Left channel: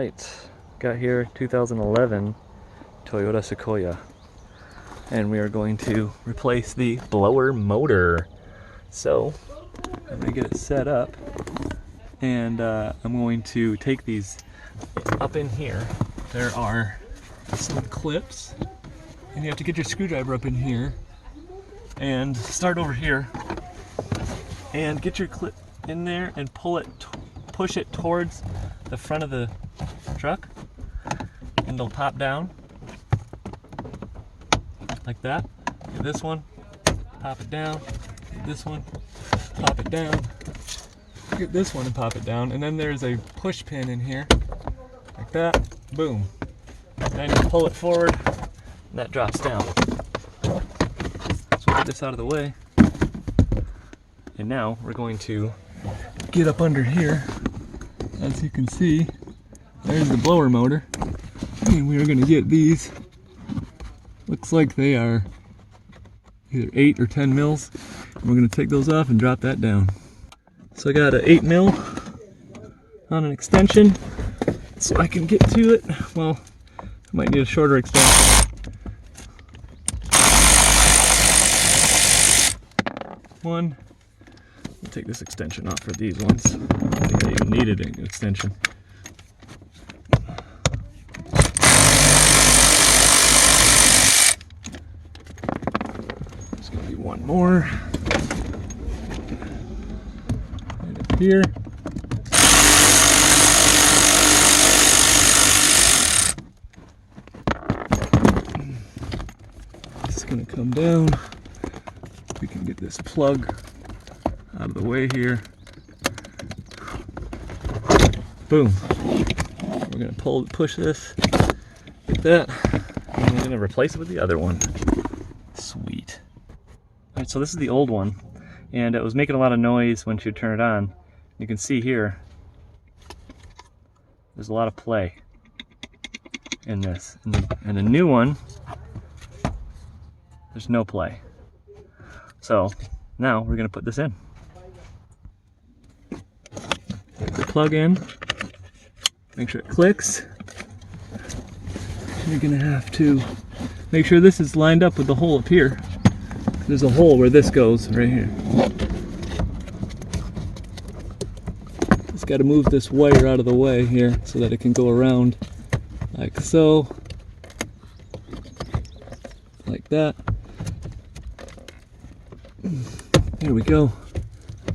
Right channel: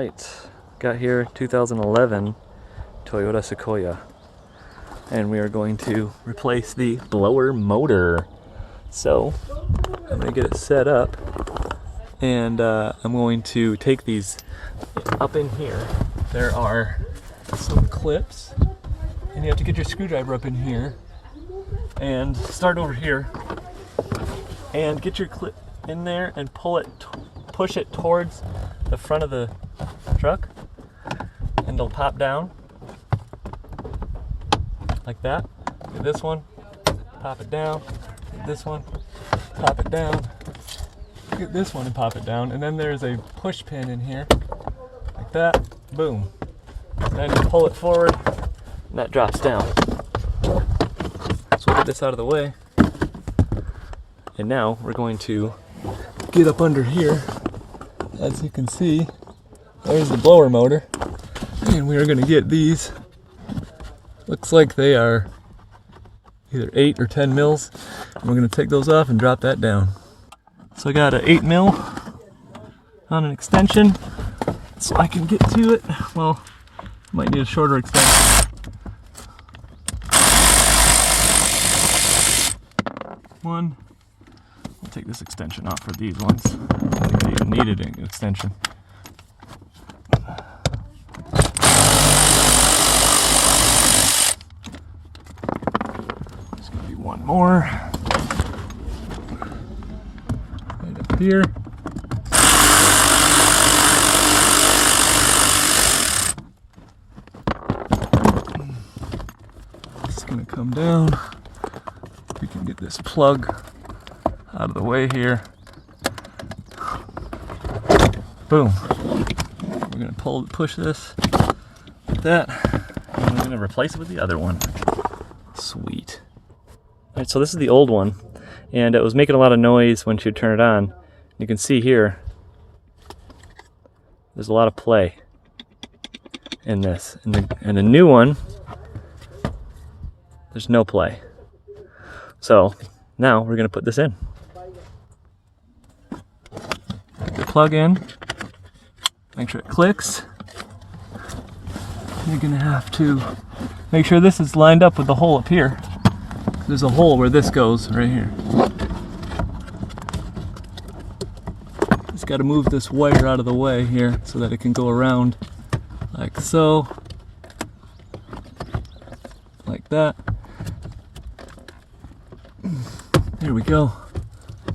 Alright, got here 2011 Toyota Sequoia, and we are going to replace the blower motor. So I'm going to get it set up, and I'm going to take these up in here. There are some clips, and you have to get your screwdriver up in here and start over here and get your clip in there and pull it, push it towards the front of the truck, and they'll pop down like that. Get this one, pop it down. Get this one, pop it down. Get this one and pop it down. And then there's a push pin in here, like that. Boom. Then you pull it forward, and that drops down. So we'll get this out of the way. And now we're going to get up under here. As you can see, there's the blower motor, and we are going to get these. Looks like they are either 8 or 10 mils. And we're going to take those off and drop that down. So I got an 8 mil on an extension, so I can get to it. Well, I might need a shorter extension. One. I'll take this extension off for these ones. I don't think they even needed an extension. There's gonna be one more. Right up here. It's gonna come down. We can get this plug out of the way here. Boom. We're gonna push this, get that, and we're gonna replace it with the other one. Sweet. Alright, so this is the old one, and it was making a lot of noise when you turn it on. You can see here, there's a lot of play in this. And the new one, there's no play. So now we're gonna put this in. Plug in, make sure it clicks. You're gonna have to make sure this is lined up with the hole up here. There's a hole where this goes right here. Just got to move this wire out of the way here so that it can go around like so, like that. There we go.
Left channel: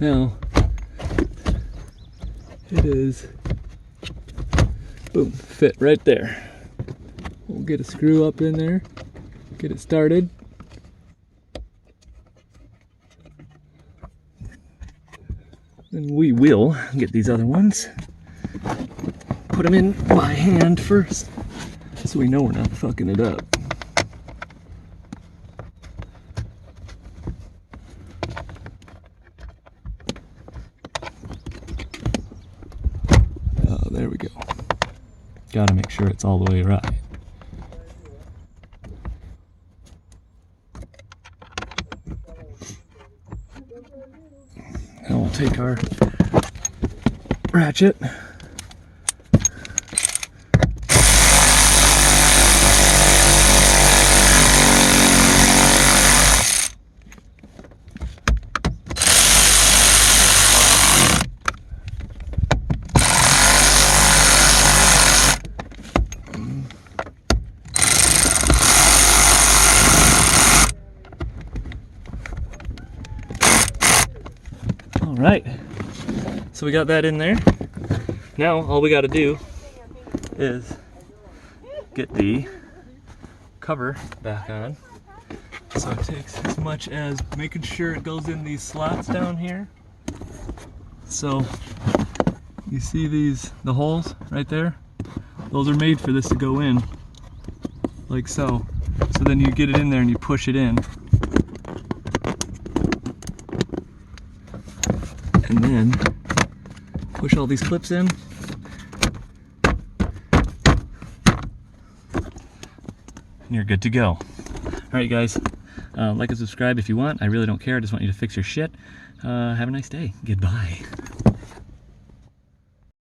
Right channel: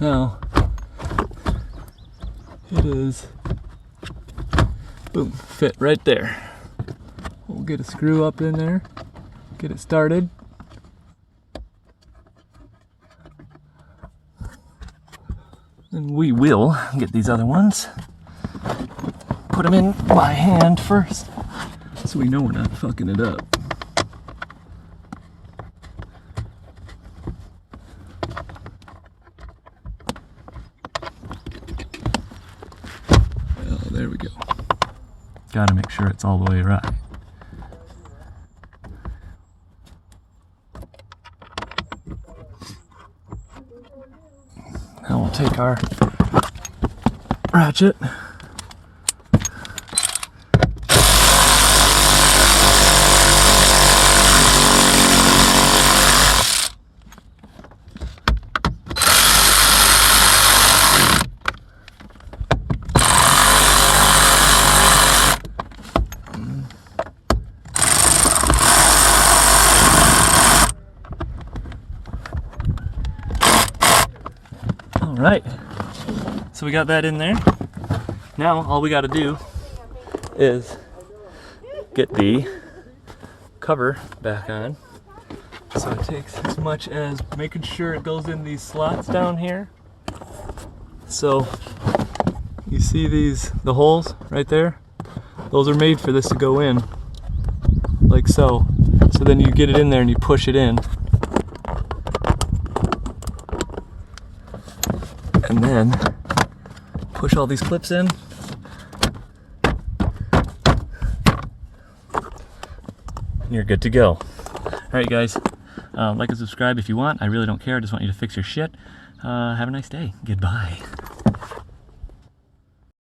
Now it is, boom, fit right there. We'll get a screw up in there, get it started. And we will get these other ones, put them in by hand first, so we know we're not fucking it up. There we go. Gotta make sure it's all the way right. Now we'll take our ratchet. Alright, so we got that in there. Now all we got to do is get the cover back on. So it takes as much as making sure it goes in these slots down here. So you see the holes right there? Those are made for this to go in, like so. So then you get it in there and you push it in. And then push all these clips in. And you're good to go. Alright guys, like and subscribe if you want. I really don't care. I just want you to fix your shit. Have a nice day. Goodbye.